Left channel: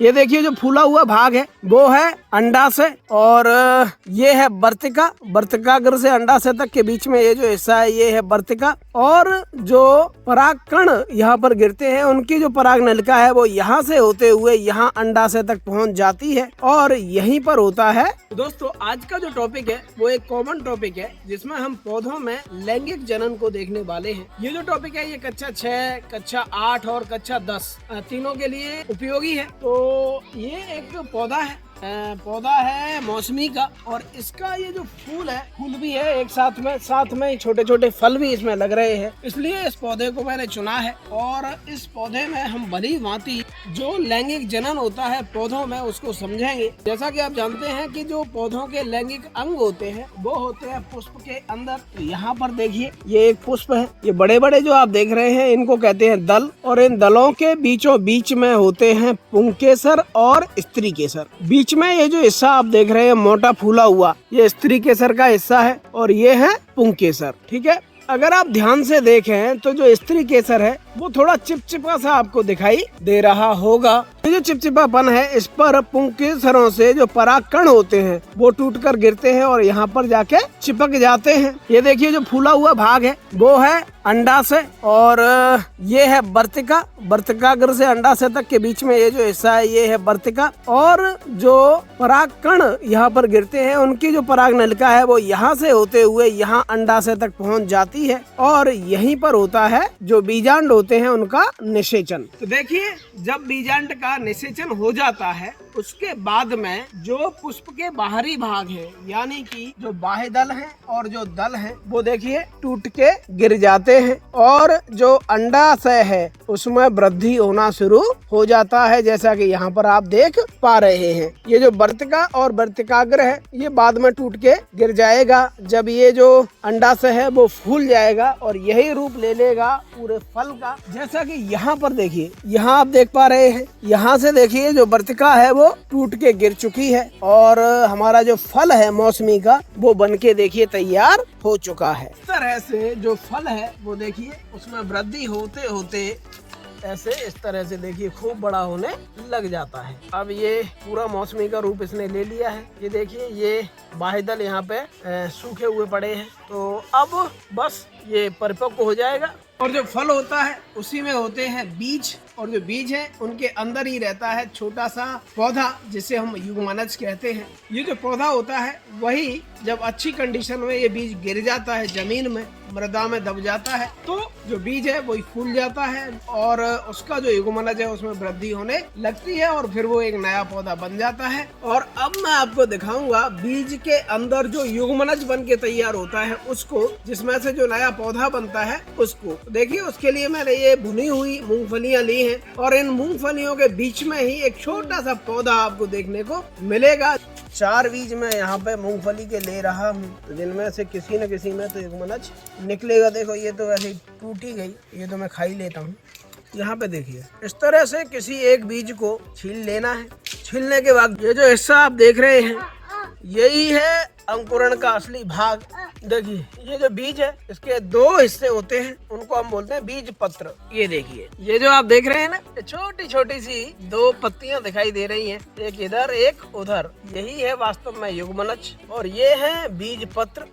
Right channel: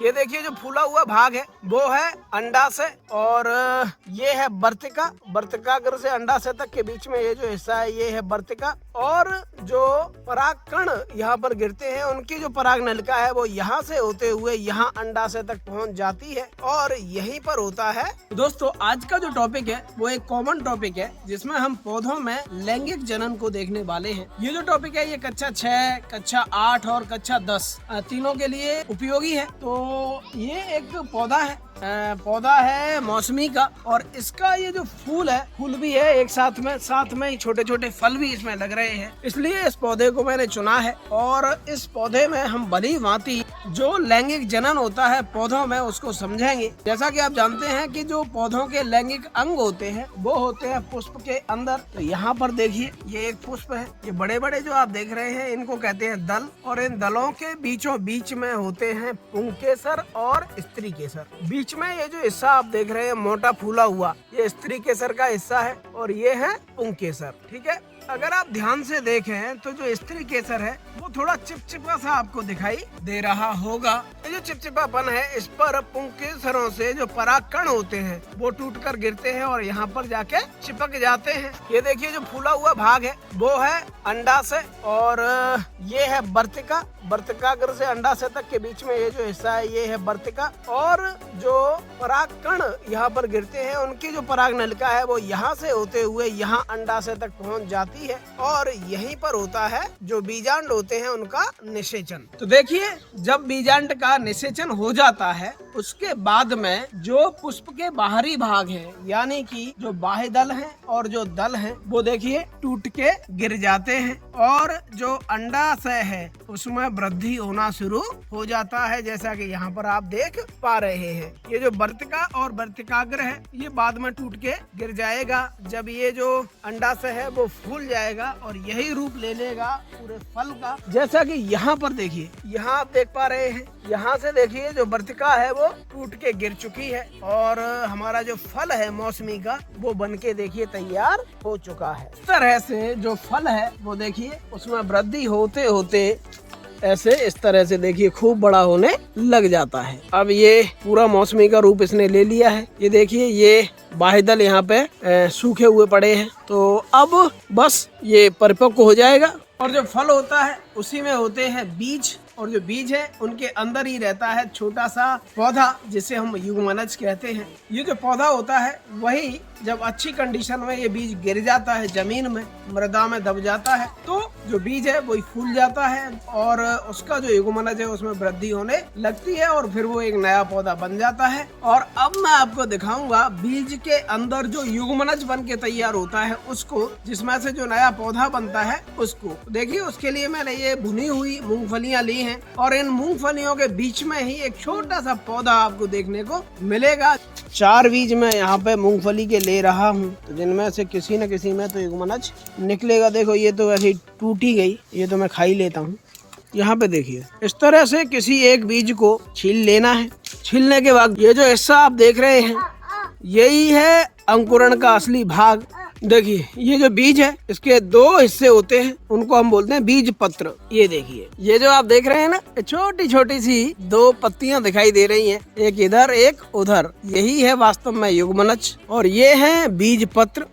ये देखिए जो फूला हुआ भाग है वो है अंडाशय और ये है वर्तिका। वर्तिकाग्र से अंडाशय तक के बीच में ये जो हिस्सा है ये है वर्तिका। और जो परागकण यहाँ पर गिरते हैं उनकी जो पराग नलिका है वो यहाँ से होते हुए यहाँ अंडाशय तक पहुँच जाती है और यहीं पर होता है। दोस्तों आज का जो टॉपिक है वो एक कॉमन टॉपिक है जिसमें हम पौधों में लैंगिक जनन को देखने वाले हैं। ये जो टॉपिक है ये कक्षा 6, कक्षा 8 और कक्षा 10 तीनों के लिए उपयोगी है। तो ये एक पौधा है मौसमी का और इसका ये जो फूल है फूल भी है एक साथ में छोटे छोटे फल भी इसमें लग रहे हैं, इसलिए इस पौधे को मैंने चुना है। और इस पौधे में हम भली भांति जो लैंगिक जनन होता है पौधों में उसको समझेंगे। जैसा कि आप जानते हैं कि जो पौधों के लैंगिक अंग होते हैं वो होते हैं पुष्प के अंदर। तो यहाँ पर देखिए ये एक पुष्प है, ये बड़े बड़े जो आप देख रहे हैं इनको कहते हैं दल और इन दलों के बीचों बीच में होते हैं पुंकेसर और स्त्री केसर। बीच में ये जो हिस्सा आप देख रहे हैं मोटा फूला हुआ ये स्त्री केसर का हिस्सा है और ये है पुंकेसर। ठीक है, अगर आप ध्यान से देखें तो जो स्त्री केसर है वो थोड़ा चिपचिपा सा आपको दिखाई दे रहा होगा। ये जो चिपचिपापन है इस पर पुंकेसरों से जो परागकण होते हैं वो टूटकर गिरते हैं और यहाँ पर जाके चिपक जाते हैं। ये देखिए जो फूला हुआ भाग है वो है अंडाशय और ये है वर्तिका। वर्तिकाग्र से अंडाशय तक के बीच में ये जो हिस्सा है ये है वर्तिका। और जो परागकण यहाँ पर गिरते हैं उनकी जो पराग नलिका है वो यहाँ से होते हुए यहाँ अंडाशय तक पहुँच जाती है और यहीं पर होता है जो बीजांड होते हैं उनका निषेचन। तो देखिए जब बीजांड का निषेचन हो जाता है उसके बाद में जो पुष्प के बाहरी भाग हैं यानी कि जो बाह्य दल हैं और जो दल हैं वो देखिए टूट के गिर जाते हैं और जो अंडाशय है उसमें वृद्धि होना शुरू हो जाता है जैसा कि यहाँ पर आप देख पा रहे हैं। ये जो वर्तिका और वर्तिकाग्र है ये बाद में टूट के गिर जाएगा जब ये जो अंडाशय है वो फूल जाएगा और यही रूप ले लेगा पूरे फल का। जैसा कि यहाँ पर देखिए, यहाँ आप देख पा रहे हैं, यहाँ से देखिए जो वर्तिका है वो टूट के गिर चुकी है और हमारा जो फल है मौसमी का वो बनके देखिए तैयार हो चुका है। इस तरह से जो फल है वो देखिए उसमें वृद्धि होते होते ऐसे इस तरह से देखिए खूब बड़ा होने लग जाता है। अब ये पूरा मौसमी का रूप इसने ले लिया है। ये देखिए ये बाह्य दल यहाँ पे सूखे हुए पड़े हैं तो अब बस ये परिपक्व हो जाएगा। और जो फल होता है उसी में होते हैं बीज और जो बीज है उनके अंदर ही रहता है छोटा सा पौधा जिसे हम युग्मनज कहते हैं। ये जो पौधा होता है वही जब अच्छी कंडीशन में ये बीज गिर जाता है जमीन में मृदा में दब जाता है तो जो बीज है वही फूल जाता है और उसका जो युग्मनज है उसमें वृद्धि होने लगती है और फिर वो एक नया पौधा बन जाता है। और अब मैं आपको दिखाऊंगा बीज के अंदर जो युग्मनज बन के तैयार होता है उसको, जिसमें से जो नया पौधा बनता है उसको। देखिए उसके लिए मैंने ये भुनी हुई मूंगफलियां ली हैं और इन मूंगफलियों के बीच में ही एक छोटा सा पौधा आपको देखने को मिलेगा। 4 बीज मैं यहाँ पे मूंगफली के ले रहा हूँ तो जिनमें से किसी न किसी में तो युग्मनज निकलेगा। देखो ये तो वैसे ही टूटी गई, ये तो मैं खा ही लेता हूँ। यहाँ पे देखिए इस तरह से किसी एक बीज को छील लेना है। छीलने के बाद ये जो हिस्सा आप देख रहे हैं यही है अंकुरण का असली भाग। देखिए ये जो बीज है इसके 2 हिस्से होते हैं उनको हम बोलते हैं बीज पत्र। ये देखिए ये जो आप देख रहे हैं ना छोटी छोटी सी 2 पत्तियां दिखाई दे रही हैं, एक इधर एक उधर, यही है वास्तव में युग्मनज और ये है बीज पत्र।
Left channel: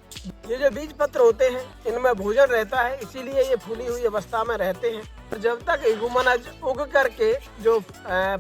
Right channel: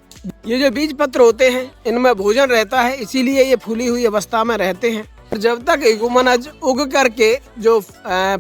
ये जो बीज पत्र होते हैं इनमें भोजन रहता है इसीलिए ये फूली हुई अवस्था में रहते हैं और जब तक युग्मनज उग करके जो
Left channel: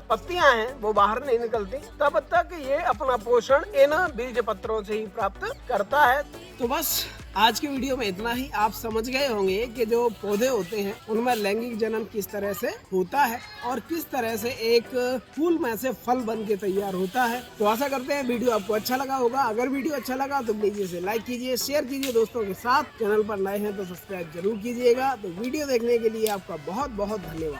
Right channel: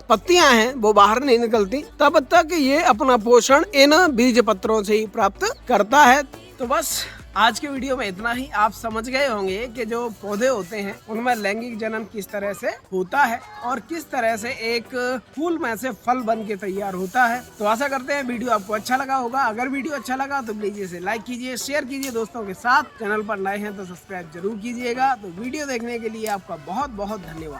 पत्तियां हैं वो बाहर नहीं निकलती तब तक ये अपना पोषण इन बीज पत्रों से ही प्राप्त करता है। तो बस आज की वीडियो में इतना ही। आप समझ गए होंगे कि जो पौधे होते हैं उनमें लैंगिक जनन किस तरह से होता है और किस तरह से एक फूल में से फल बन के तैयार होता है। तो आशा करते हैं वीडियो आपको अच्छा लगा होगा। अगर वीडियो अच्छा लगा तो प्लीज इसे लाइक कीजिए, शेयर कीजिए दोस्तों के साथ। चैनल पर नए हैं तो सब्सक्राइब जरूर कीजिएगा। तो वीडियो देखने के लिए आपका बहुत बहुत धन्यवाद।